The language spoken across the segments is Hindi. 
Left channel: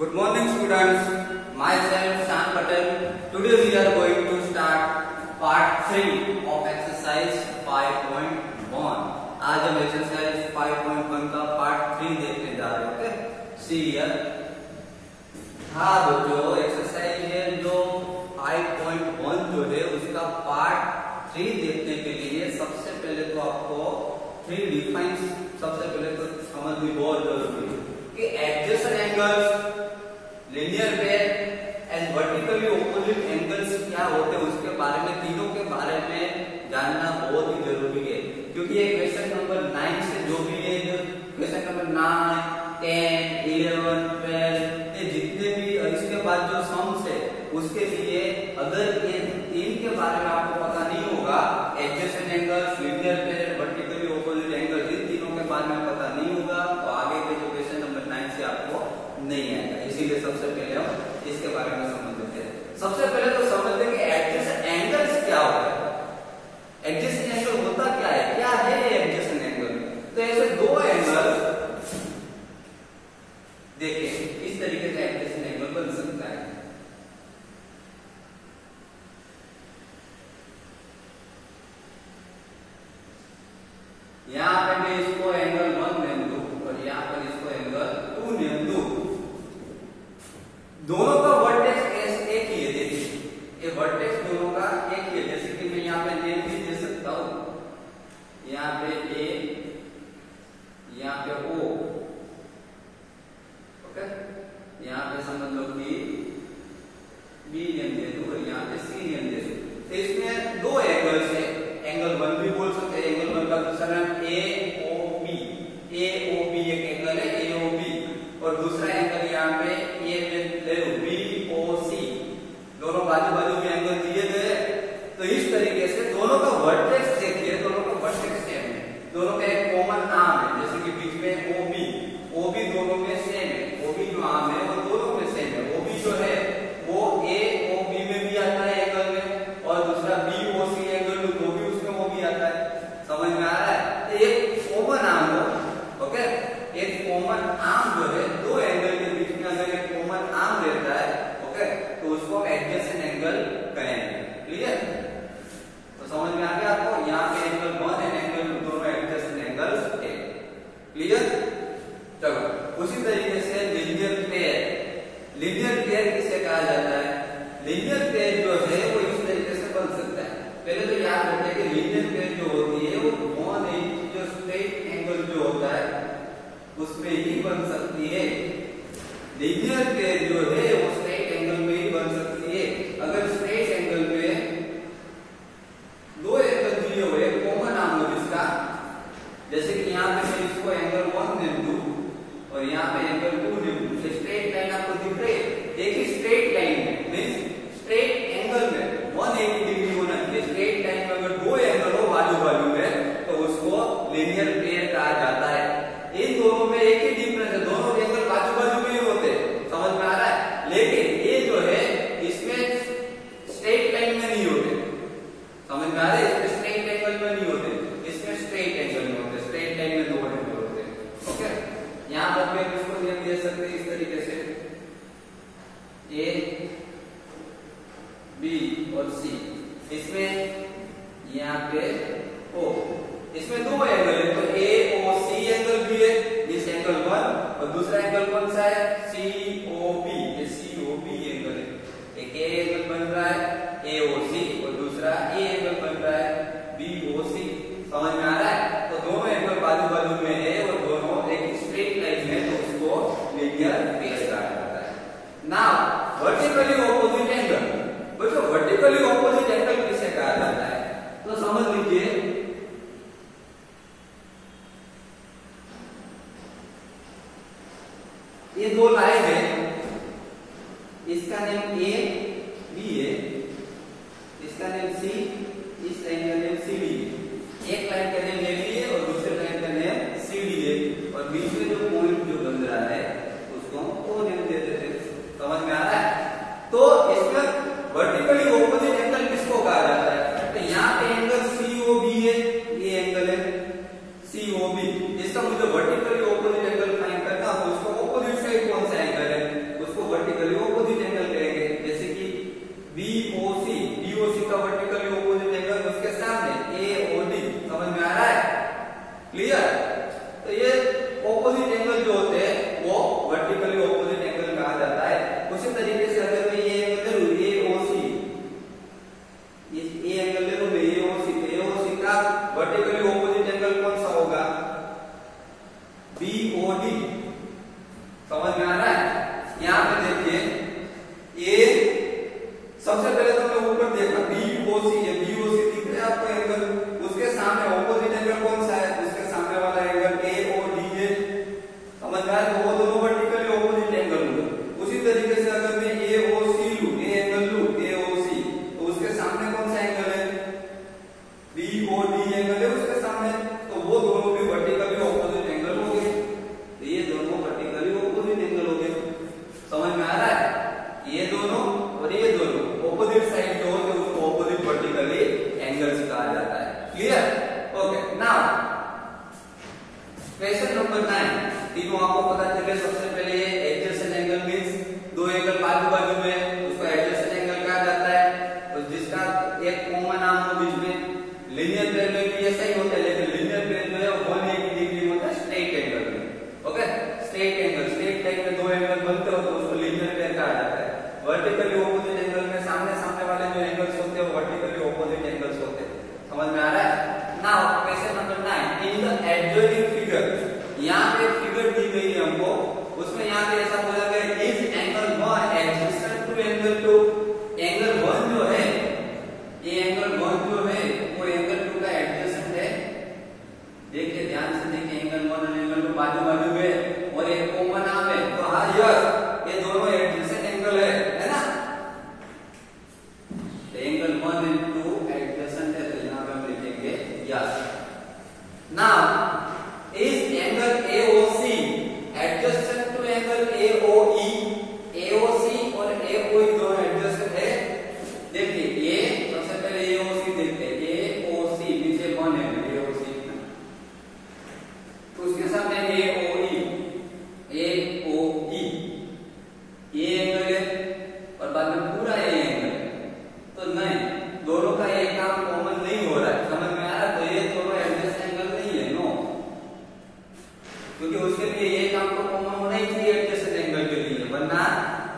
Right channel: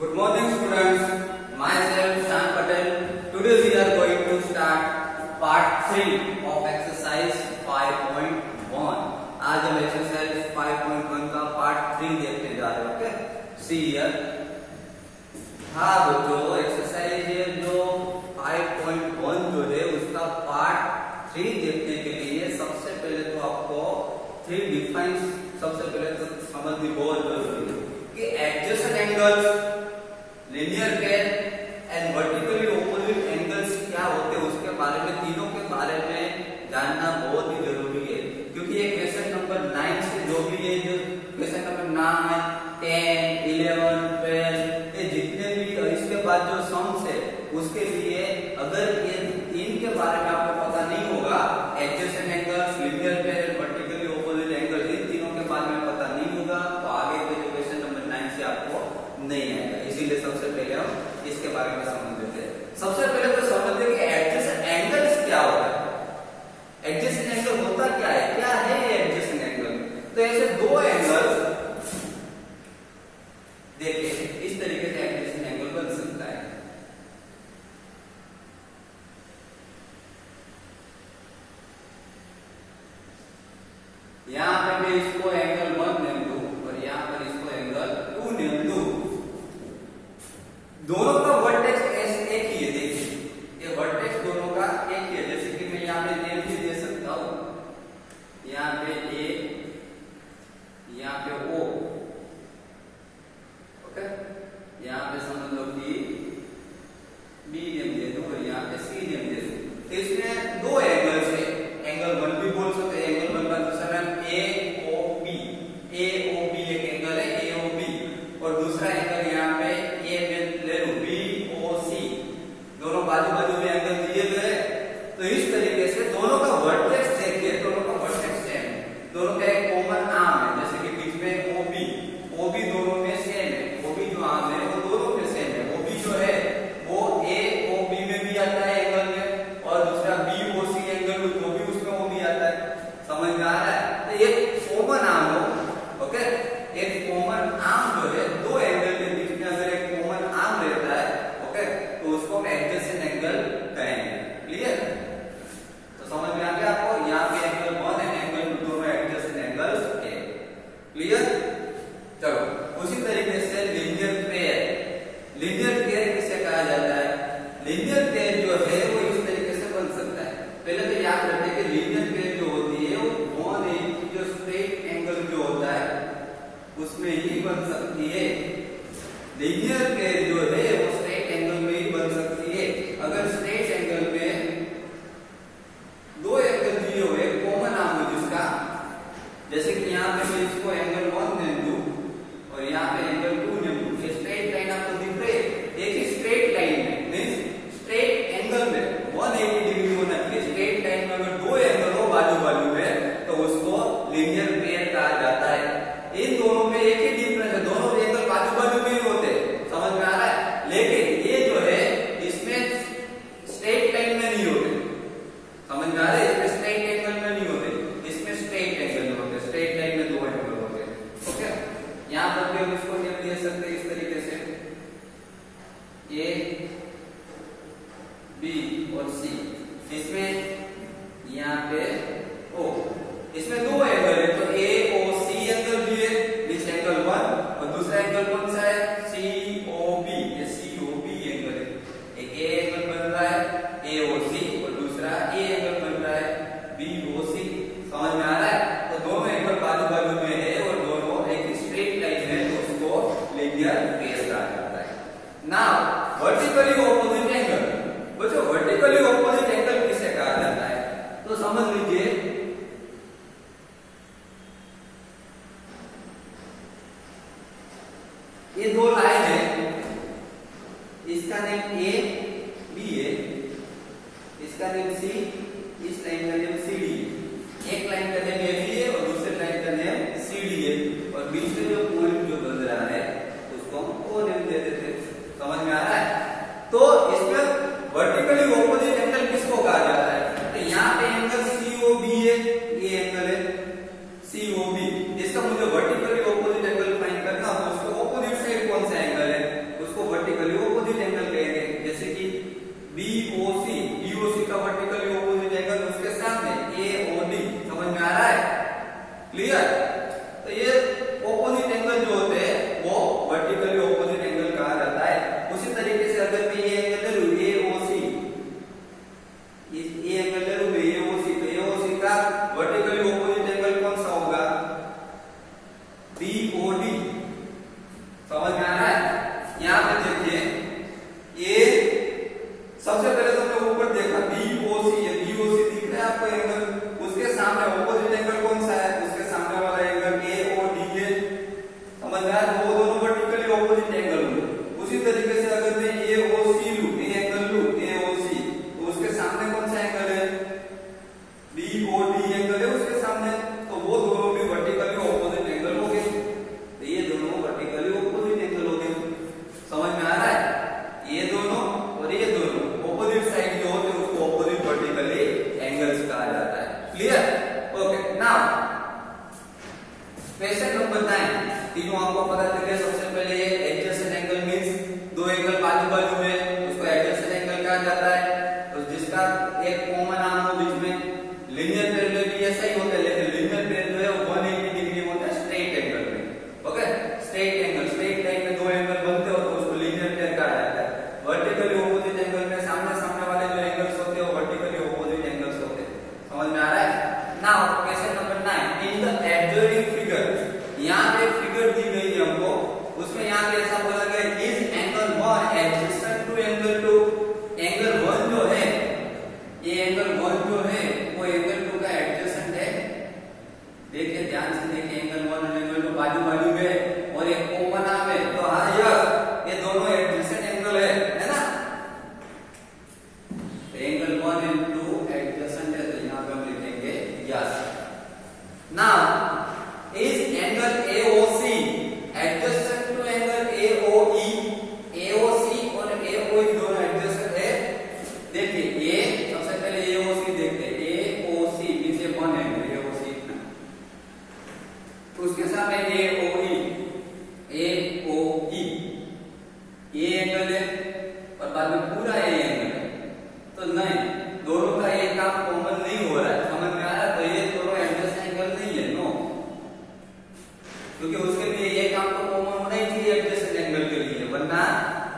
Good morning students, myself Shan Patel. Today we are going to start part 3 of exercise 5.1. आज हम exercise 5.1 का part 3 देखने जा रहे हैं. Okay, see here. हाँ बच्चों, एक्सरसाइज जो 5.1 जो है उसका पार्ट 3 देखने के लिए सबसे पहले तो आपको 3 डिफाइंस सबसे पहले तो समझनी बहुत जरूरी है कि adjacent angles, linear pair and vertically opposite angles क्या होते हैं उसके बारे में, तीनों के बारे में जानना बहुत ही जरूरी है. क्योंकि ये क्वेश्चन नंबर 9 से जो भी है, जो क्वेश्चन नंबर 9, 10, 11, 12 ये जितने भी इसके बाद जो सम्स है उसके लिए अगर ये तीन के बारे में आपको पता नहीं होगा, adjacent angles, linear pair, vertically opposite angle, इन तीनों के बारे में पता नहीं होगा तो आगे के जो क्वेश्चन नंबर 9 से आपको नहीं आएगा. इसीलिए सबसे पहले हम इसके बारे में समझ लेते हैं. सबसे पहले तो समझते हैं कि एडजेसेंट एंगल्स क्या होता है. एडजेसेंट एंगल होता क्या है ये एडजेसेंट एंगल? तो ऐसे दो एंगल देखिए, इस तरीके से एडजेसेंट एंगल बन सकता है. यहां पे मैं इसको एंगल 1 नेम दूं और यहां पर इसको एंगल 2 नेम दूं. दोनों का वर्टेक्स एक ही है. देखिए ये वर्टेक्स दोनों का एक ही है. जैसे कि मैं यहां पे नेम भी दे सकता हूं, यहां पे ए, यहां पे ओ. ओके, यहां पे समझ लो कि बी नेम दे दो और यहां पे सी नेम दे दो. तो इसमें दो एंगल्स है. एंगल 1 भी बोल सकते हैं. एंगल 1 का दूसरा नाम ए ओ बी. ए ओ बी एक एंगल है, ए ओ बी. और दूसरा एंगल यहाँ पे ए में ले लो, बी ओ सी. दोनों बाजू बाजू में एंगल दिए गए. तो इस तरीके से दोनों का वर्टेक्स देखिए, दोनों का वर्टेक्स सेम है. दोनों का एक कॉमन आर्म है, जैसे कि बीच में ओ बी. ओ बी दोनों में सेम है. ओ बी जो आर्म है वो दोनों में सेम है. ओ बी जो है वो ए ओ बी में भी आता है एंगल में, और दूसरा बी ओ सी एंगल जो भी उसमें वो भी आता है. समझ में आ रहा है? तो एक कॉमन आर्म हो. ओके, एक कॉमन आर्म जो है, दो एंगल के बीच में अगर एक कॉमन आर्म रहता है, ओके, तो उसको एडजेसेंट एंगल कहेंगे. क्लियर? तो समझ में आ गया आपको? यहाँ पे एंगल 1 है, एंगल दोनों एडजेसेंट एंगल्स है. क्लियर? चलो, उसी तरीके से लीनियर पेयर. लीनियर पेयर किसे कहा जाता है? लीनियर पेयर जो है वो इस तरीके से बन सकता है. पहले तो याद रखें कि लीनियर पेयर जो होती है वो 180 जो स्ट्रेट एंगल जो होता है उसमें ही बन सकती है. लीनियर पेयर जो है वो स्ट्रेट एंगल में ही बन सकती है. अगर स्ट्रेट एंगल में दो एंगल दिए हुए कॉमन आर्म हो जिसका, जैसे कि यहाँ पे मैं इसको एंगल 1 दे दूं और यहाँ पे एंगल 2 दे दूं. स्ट्रेट लाइन आपको दिख रही है. एक ही स्ट्रेट लाइन में मीन्स स्ट्रेट एंगल में 180 डिग्री होना चाहिए. स्ट्रेट लाइन में अगर दो एंगल हो बाजू बाजू में तो उसको लीनियर पेयर कहा जाता है. इन दोनों में एक ही डिफरेंस है, दोनों एंगल बाजू बाजू में ही होते हैं. समझ में आ रहा है? लेकिन ये जो है इसमें स्ट्रेट लाइन में नहीं होते. समझ में आ रहा है? इसमें स्ट्रेट एंगल में नहीं होते, इसमें स्ट्रेट एंगल में होते. स्ट्रेट लाइन में दो एंगल होते. ओके, यहां पर भी हम इसको नेम दे सकते हैं इस तरीके से, ए बी और सी. इसमें यहाँ पे ओ, इसमें दो एंगल है तो ए ओ सी एंगल भी है, इस एंगल 1, और दूसरा एंगल कौन सा है? सी ओ बी. ये सी ओ बी एंगल है. एक ए एंगल बन रहा है ए ओ सी और दूसरा ए एंगल बन रहा है बी ओ सी. समझ में आ रहा है? तो दोनों एंगल बाजू बाजू में है और दोनों एक स्ट्रेट लाइन में, तो उसको लीनियर पेयर कहा जाता है. Now vertically opposite angle. बच्चों, वर्टिकली ऑपोजिट एंगल किसे कहा जाता है? तो समझ लीजिए, ये दो लाइन है, इसका नेम ए बी है, इसका नेम सी, इस लाइन का नेम सी डी है. एक लाइन का नेम ए बी है और दूसरे लाइन का नेम सी डी है, और बीच में जो पॉइंट जो बन रहा है उसको हम ओ नेम दे देते हैं. समझ में आ रहा है? तो इसमें वर्टिकली ऑपोजिट एंगल किसको कहा जाता है? तो यहाँ पे एंगल सी ओ बी है, ये एंगल है सी ओ बी. इसका मुझे वर्टिकली ऑपोजिट एंगल फाइंड करना हो तो उसको ऑपोजिट साइड कौन सा एंगल है यहाँ पे देखिए ये सबसे पहले तो हमने ऊपर देखा बीओसी, ये बीओसी दिख रहा है आपको एंगल, उसके सामने ऑपोजिट एंगल कौन सा है, उसके सामने वाला एंगल एओडी है, समझ में आया? तो वो दोनों वर्टिकली ऑपोजिट एंगल हुए। उसी तरीके से अगर मैं एओसी लूं, ये एंगल लूं एओसी, तो उसके सामने कौन सा एंगल है, बीओडी एंगल है उसके सामने, तो वो दोनों भी वर्टिकली ऑपोजिट एंगल हो गए। तो ये दोनों वर्टिकली ऑपोजिट एंगल हो गए। समझ में आ रहा है? ये दोनों और ये दोनों ऑपोजिट साइड जो होते हैं उसको ऑपोजिट वर्टिकली एंगल्स कहा जाता है। Clear? Okay, now question number 9। तीनों आपको पता चल गया। सबसे पहले ये एडजेसेंट एंगल मींस दो एंगल बाजू बाजू में, उसको एडजेसेंट एंगल कहा जाता है, और जिसका एक कॉमन आर्म हो बीच में। लीनियर पेयर में भी ऐसा ही होता है, लेकिन लीनियर पेयर जो है 180 डिग्री होता है स्ट्रेट एंगल में। Okay, straight angle, straight line में दो एंगल बनते हो तो उसको लीनियर पेयर कहा जाता है। वर्टिकली ऑपोजिट एंगल में सामने सामने वाले जो एंगल्स होते हैं वो वर्टिकली ऑपोजिट एंगल्स होते हैं। समझ में आ रहा है? Now question number 9, in the adjoining figure, यहाँ पे एक फिगर दी गई है हमको, उसमें यहाँ पे ऐसा बोला गया is angle 1 adjacent to angle 2। Angle 1 जो है, ये एंगल 1 जो है वो एंगल 2 का एडजेसेंट है। देखिए ध्यान से देखिए, एंगल 1 और एंगल 2 बाजू बाजू में और एक कॉमन आर्म है, तो हाँ यस ये दोनों एडजेसेंट एंगल है ना? एंगल 1 एंड 2 एडजेसेंट है, तो यहाँ पे हम लिखेंगे yes. Now is angle AOC adjacent to angle AOE. AOC और एओई दोनों एडजेसेंट है। देखिए ये सबसे पहले एओसी देखते हैं, एओसी नीचे 1 है एओसी, उसके सामने एओई, एओई ये एंगल है और बाद में पूरा ये एंगल है, तो नहीं दोनों का एक काम कॉमन नहीं हो रहा है। समझ में आ रहा है? तो ये दोनों एडजस्ट एंगल नहीं है, नो, क्योंकि उसके लिए ये काम तो कॉमन होना ही चाहिए एडजस्टेंट एंगल के लिए, वरना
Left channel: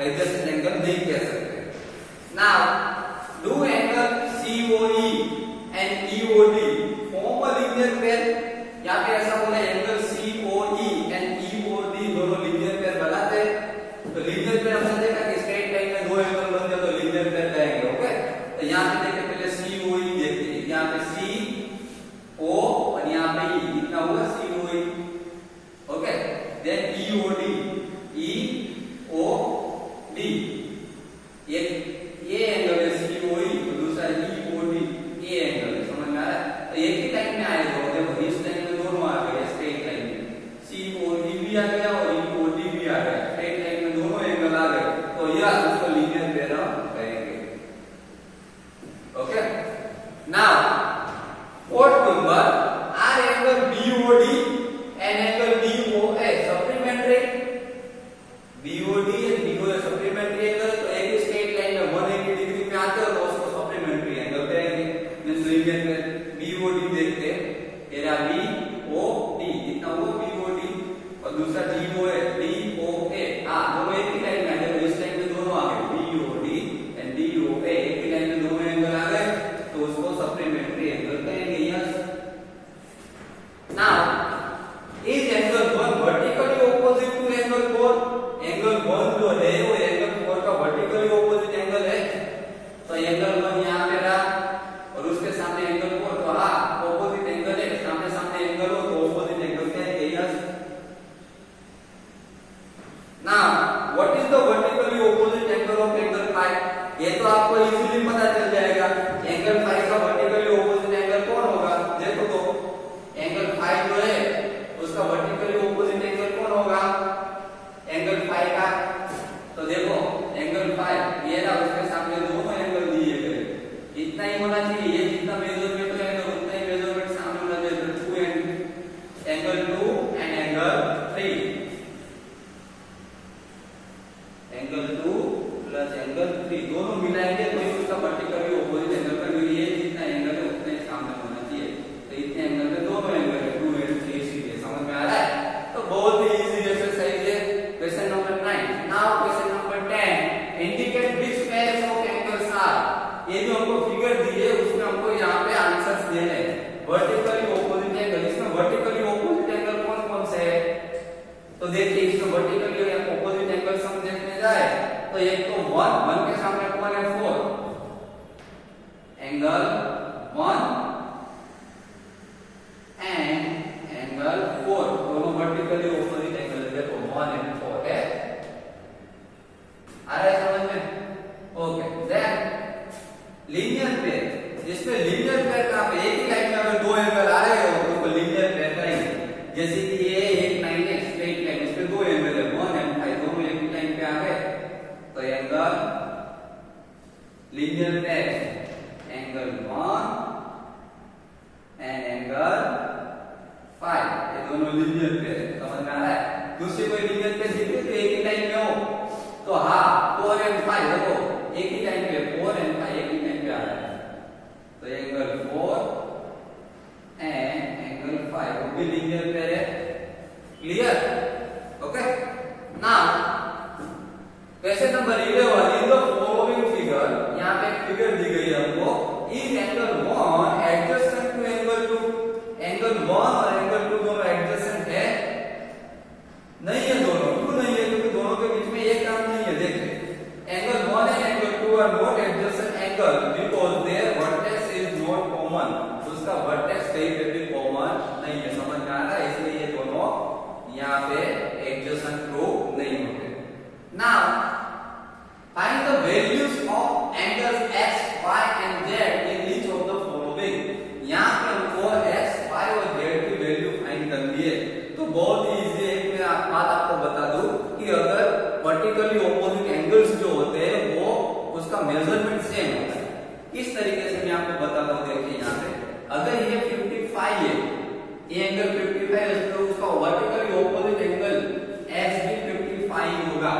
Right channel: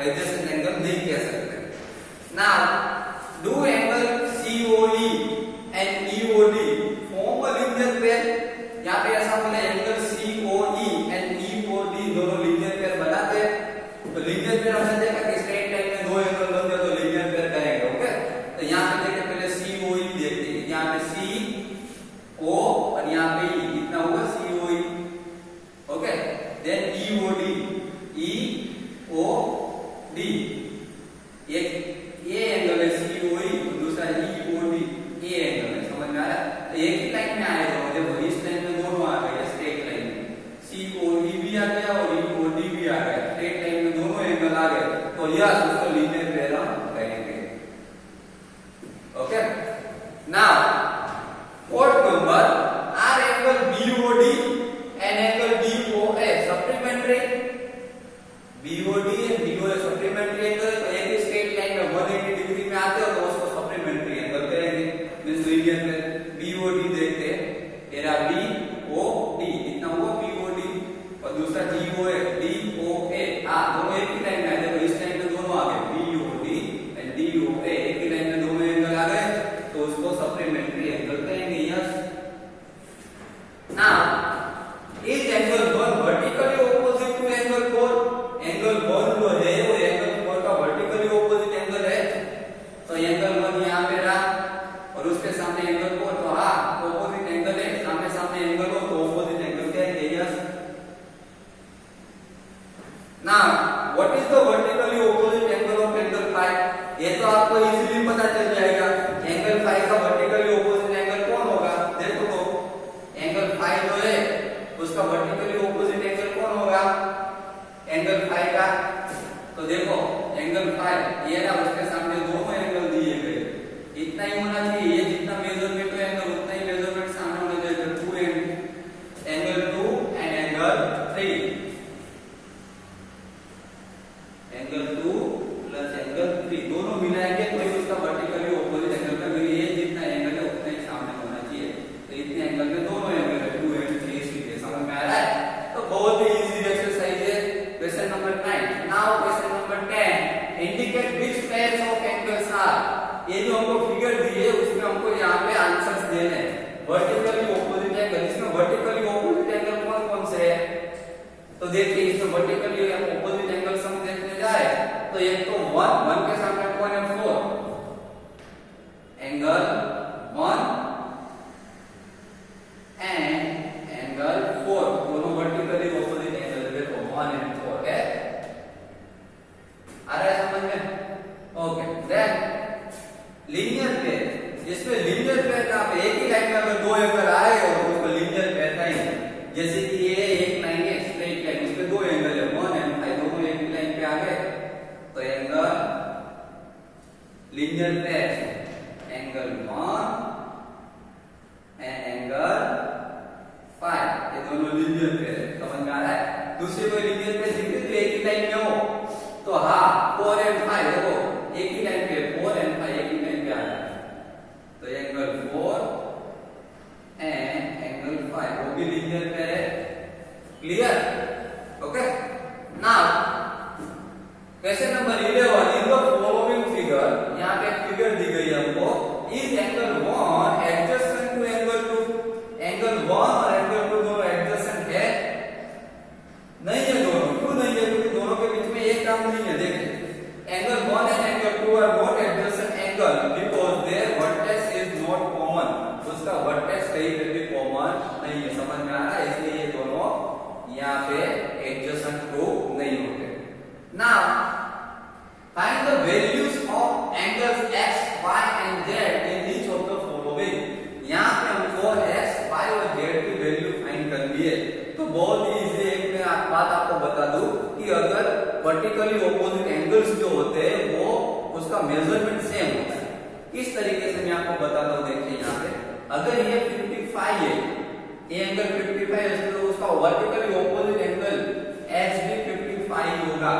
एडजस्टेंट एंगल नहीं कह सकते। Now do angle COE and EOD form a linear pair. यहाँ पे ऐसा बोला एंगल COE एंड EOD दोनों लीनियर पेयर बनाते हैं। तो लीनियर पेयर हमने देखा कि स्ट्रेट लाइन में दो एंगल बनते हैं तो लीनियर पेयर कहेंगे। ओके, तो यहाँ पे देखिए पहले COE देखते हैं, यहाँ पे CO और यहाँ पे E, कितना होगा COE। Okay, then EOD, EOD ये एंगल है COE, दूसरा EOD ये एंगल है। समझ में आ रहा है? तो एक ही लाइन में आएगा, देखो इस लाइन में दोनों आ गए स्ट्रेट लाइन में, COD भी आ गया और EOD भी आ गया, स्ट्रेट लाइन में दोनों एंगल आ गए, तो यह उसको लीनियर पेयर हम कहेंगे। Okay, now fourth number, R angle BOD and angle BOA supplementary. BOD and BOA supplementary angle, तो एक ही स्ट्रेट लाइन में 180 डिग्री में आते हो तो उसको सप्लीमेंट्री एंगल कहेंगे, मींस लीनियर पेयर। BOD देखते हैं, मेरा BOD कितना हुआ BOD, और दूसरा DOA, हाँ दोनों एक ही लाइन में आ, देखो इस लाइन में दोनों आ गए, BOD एंड DOA एक ही लाइन में दोनों एंगल आ गए, तो उसको सप्लीमेंट्री एंगल कहेंगे। Yes. Now is angle 1 vertically opposite to angle 4। Angle 1 जो है वो एंगल 4 का वर्टिकली ऑपोजिट एंगल है, तो एंगल 1 यहाँ पे रहा और उसके सामने एंगल 4, तो हाँ ऑपोजिट एंगल है, सामने सामने एंगल हो तो ऑपोजिट एंगल कहेंगे। Yes. Now what is the vertically opposite angle of angle 5? ये तो आपको इजीली पता चल जाएगा। एंगल 5 का वर्टिकली ऑपोजिट एंगल कौन होगा? देखो तो एंगल 5 जो है उसका वर्टिकली ऑपोजिट एंगल कौन होगा एंगल 5 का? तो देखो एंगल 5 ये ना, उसके सामने दोनों एंगल दिए गए, इतना ही होना चाहिए, ये जितना मेजरमेंट है एंगल उतना ही मेजरमेंट सामने होना चाहिए। Angle 2 and angle 3, angle 2 plus angle 3 दोनों मिलाएंगे तो ये उसका वर्टिकली ऑपोजिट एंगल का, ये जितना एंगल है उतना ही सामने होना चाहिए, तो इतने एंगल में दोनों एंगल है 2 एंड 3 सीधे। समझ में आ रहा है? तो बहुत ही इजी एक्सरसाइज है। Question number 9। Now question number 10, indicate which pairs of angles are. ये जो हमको फिगर दी है उसमें हमको यहाँ पे आंसर्स देने हैं। वर्टिकली ऑपोजिट एंगल, इसमें वर्टिकली ऑपोजिट एंगल कौन कौन से है? तो देखिए इसमें वर्टिकली ऑपोजिट एंगल्स हम देखते हैं, एक तो 1 के सामने कौन है 4, एंगल 1 एंड एंगल 4 दोनों वर्टिकली ऑपोजिट एंगल देखो 1 एंड 4 है। आ रहा है समझ में? ओके, देन लीनियर पेयर, जिसमें लीनियर पेयर का आप एक ही लाइन में अगर दो एंगल आ रहे हो तो उसको लीनियर पेयर कहेंगे। जैसे कि ये एक लाइन है स्ट्रेट लाइन, इसमें दो एंगल है 1 एंड 5 दोनों एक ही लाइन पे आ गए तो angle linear pair angle 1 and angle 5 ये दोनों लीनियर पेयर है। समझ में आ रहा है? दूसरी कोई लीनियर पेयर दिख रही तो एक ही लाइन में हो तो हाँ 4 एंड 5 देखो एक ही लाइन पे 4 एंड 5 एक ही लाइन पे आ रहा है तो एंगल 4 एंड एंगल 5 वो भी लीनियर पेयर है। Clear? Okay, now question number 11 in the following figure, यहाँ पे एक फिगर दी गई है हमको, is angle 1 adjacent to angle 2, angle 1 और एंगल 2 दोनों एडजेसेंट है? नहीं है दोनों। क्यों नहीं है? क्योंकि दोनों के बीच में एक काम नहीं है। देखिए angle 1 and angle 2 are not adjacent angle because their vertex is not common, उसका वर्टेक्स कहीं पे भी कॉमन नहीं है। समझ में आ रहा है? इसलिए ये दोनों यहाँ पे एडजेसेंट प्रूव नहीं होते। Now find the values of angles x, y and z in each of the following. यहाँ पे हमको x, y और z की वैल्यू फाइंड करनी है। तो बहुत ही इजी है। मैं बात आपको बता दूं कि अगर वर्टिकली ऑपोजिट एंगल्स जो होते हैं वो उसका मेजरमेंट सेम होता है। किस तरीके से मैं आपको बताता हूँ, देखिए यहाँ पे अगर ये 55 है, ये एंगल 55 है तो उसका वर्टिकली ऑपोजिट एंगल x भी 55 होगा।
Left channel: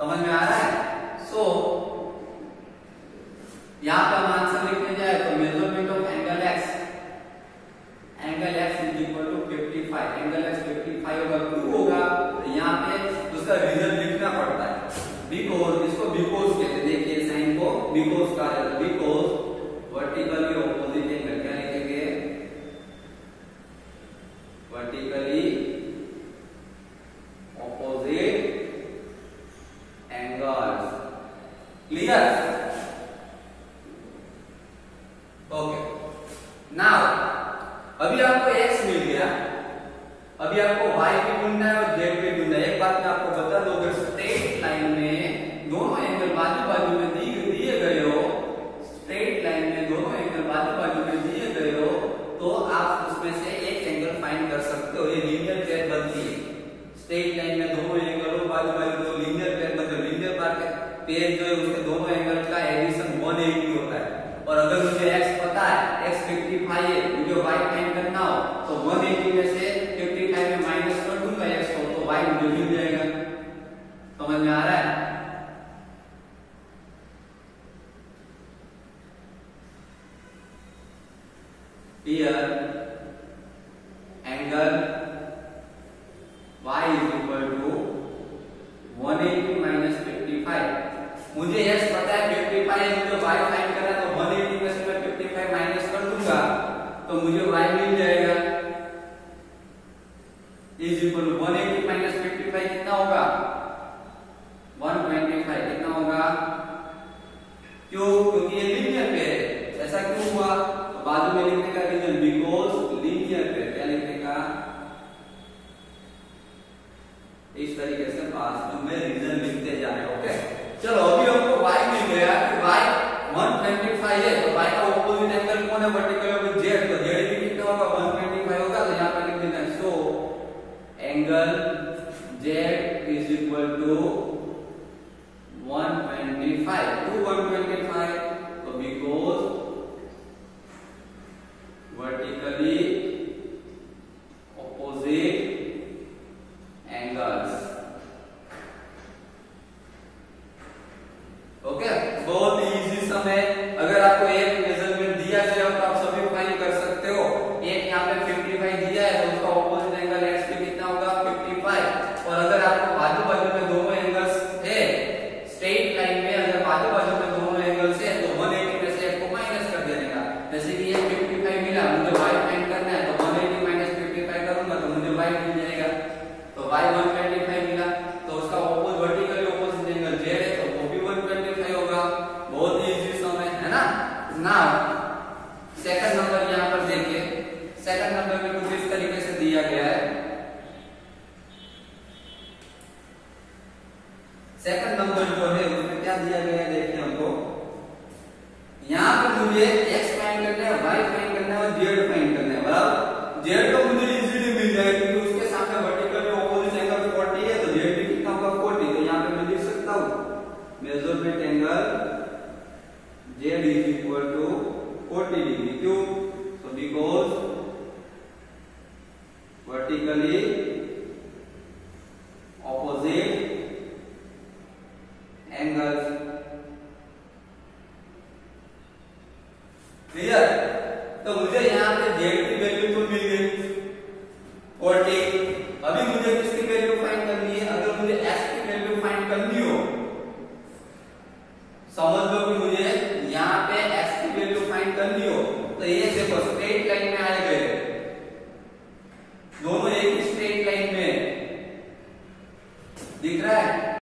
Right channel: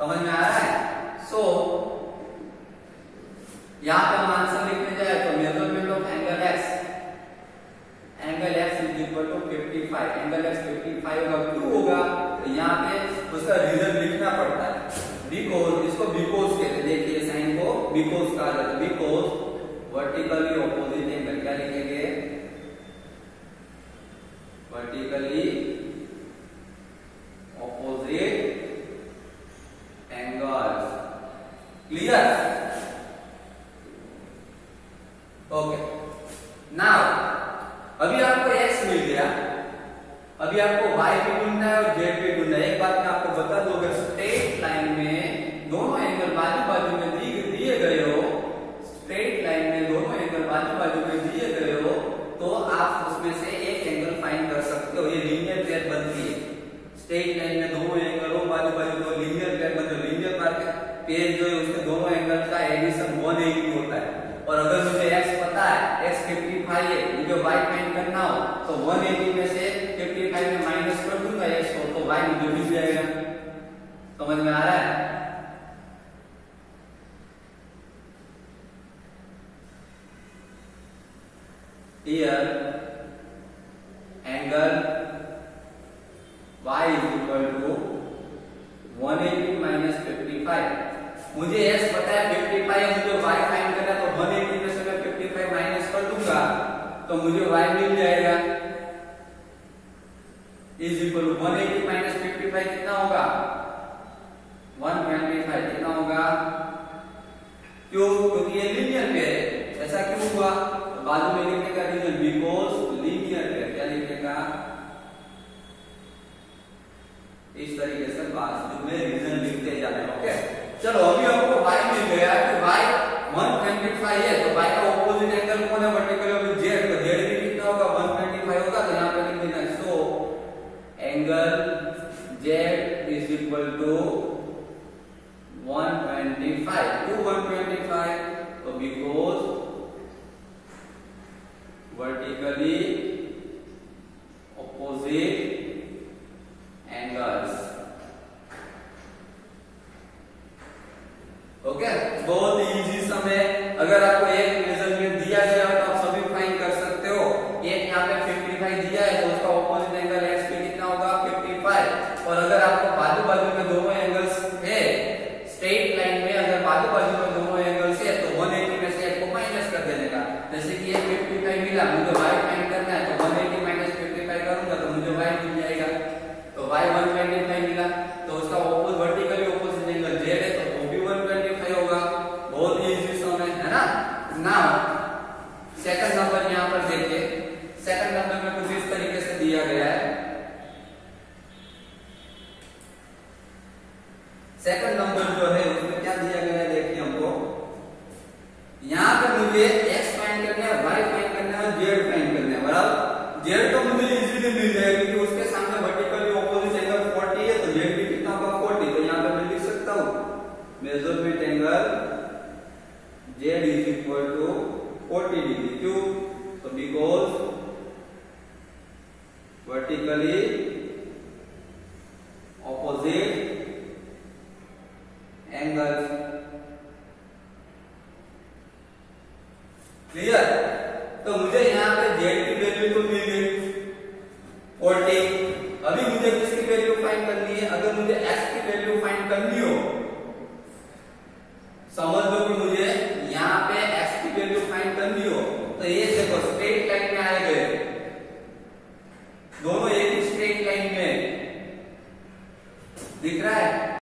समझ में आ रहा है? सो यहाँ पे हम आंसर लिखने जाए तो measurement of angle x is equal to 55, angle x 55 होगा। क्यों होगा? तो यहाँ पे उसका रीजन लिखना पड़ता है। बिकॉज, इसको बिकॉज कहते हैं। देखिए साइन को बिकॉज कहा जाता है। बिकॉज वर्टिकली ऑपोजिट एंगल क्या लिखेंगे? Vertically opposite angles. Clear? Okay, now अभी आपको x मिल गया, अभी आपको y भी ढूंढना है और z भी ढूंढना है। एक बात मैं आपको बता दूं, अगर स्ट्रेट लाइन में दोनों एंगल बाजू बाजू में दिए गए हो, स्ट्रेट लाइन में दोनों एंगल बाजू बाजू में दिए गए हो तो आप उसमें से एक एंगल फाइंड कर सकते हो। ये लीनियर पेयर बनती है। स्ट्रेट लाइन में दोनों एंगल हो बाजू बाजू तो लीनियर पेयर बनते हैं। लीनियर पेयर जो है उसके दोनों एंगल का एडिशन 180 होता है। और अगर मुझे x पता है, x 55 है, मुझे y फाइंड करना हो तो 180 में से 55 में माइनस कर दूंगा x को तो y मुझे मिल जाएगा। समझ में आ रहा है? Here angle y is equal to 180 minus 55। मुझे x पता है 55 है, मुझे y फाइंड करना है तो 180 में से मैं 55 माइनस कर दूंगा तो मुझे y मिल जाएगा। इज इक्वल टू 180 माइनस 55 कितना होगा? 125 कितना होगा? क्यों? क्योंकि ये लीनियर पेयर है। ऐसा क्यों हुआ? तो बाजू में लिखने का रीजन बिकॉज लीनियर पेयर। क्या लिखेगा? इस तरीके से बाजू में रीजन लिखते जाए। ओके, चलो अभी हमको y मिल गया कि y 125 है तो y का ऑपोजिट एंगल कौन है? Vertical opposite z। तो z भी कितना होगा? 125 होगा। तो यहाँ पे लिख देना so angle z is equal to 125 to 125 तो because vertically opposite angles. Okay, बहुत इजी सम है। अगर आपको एक मेजरमेंट दिया जाए तो आप सभी फाइंड कर सकते हो। एक यहाँ पे 55 दिया है तो उसका ऑपोजिट एंगल x पे कितना होगा? 55। और अगर आपको बाजू बाजू में दोनों एंगल्स है, स्ट्रेट लाइन में अगर बाजू बाजू में दोनों एंगल्स है तो 180 में से एक को माइनस कर देने का। जैसे कि ये 55 मिला, मुझे y फाइंड करना है तो 180 माइनस 55 करूंगा तो मुझे y मिल जाएगा। तो y 125 मिला तो उसका opposite vertically opposite angle z है तो वो सेकंड नंबर जो है उसमें क्या दिया गया है देखिए हमको, यहाँ पे मुझे x फाइंड करना है, y फाइंड करना है और z फाइंड करना है, बराबर। z तो मुझे इजीली मिल जाएगा क्योंकि उसके सामने वर्टिकल ऑपोजिट एंगल 40 है, तो z भी कितना होगा 40, तो यहाँ पे मैं लिख सकता हूँ measurement angle z is equal to 40 degree. क्यों? तो because vertically opposite angles. Clear? तो मुझे यहाँ पे z की वैल्यू तो मिल गई 40। अभी मुझे किसकी वैल्यू फाइंड करनी है? अगर मुझे x की वैल्यू फाइंड करनी हो, समझ लो कि मुझे यहाँ पे x की वैल्यू फाइंड करनी हो, तो ये देखो स्ट्रेट लाइन में आए गए, दोनों एक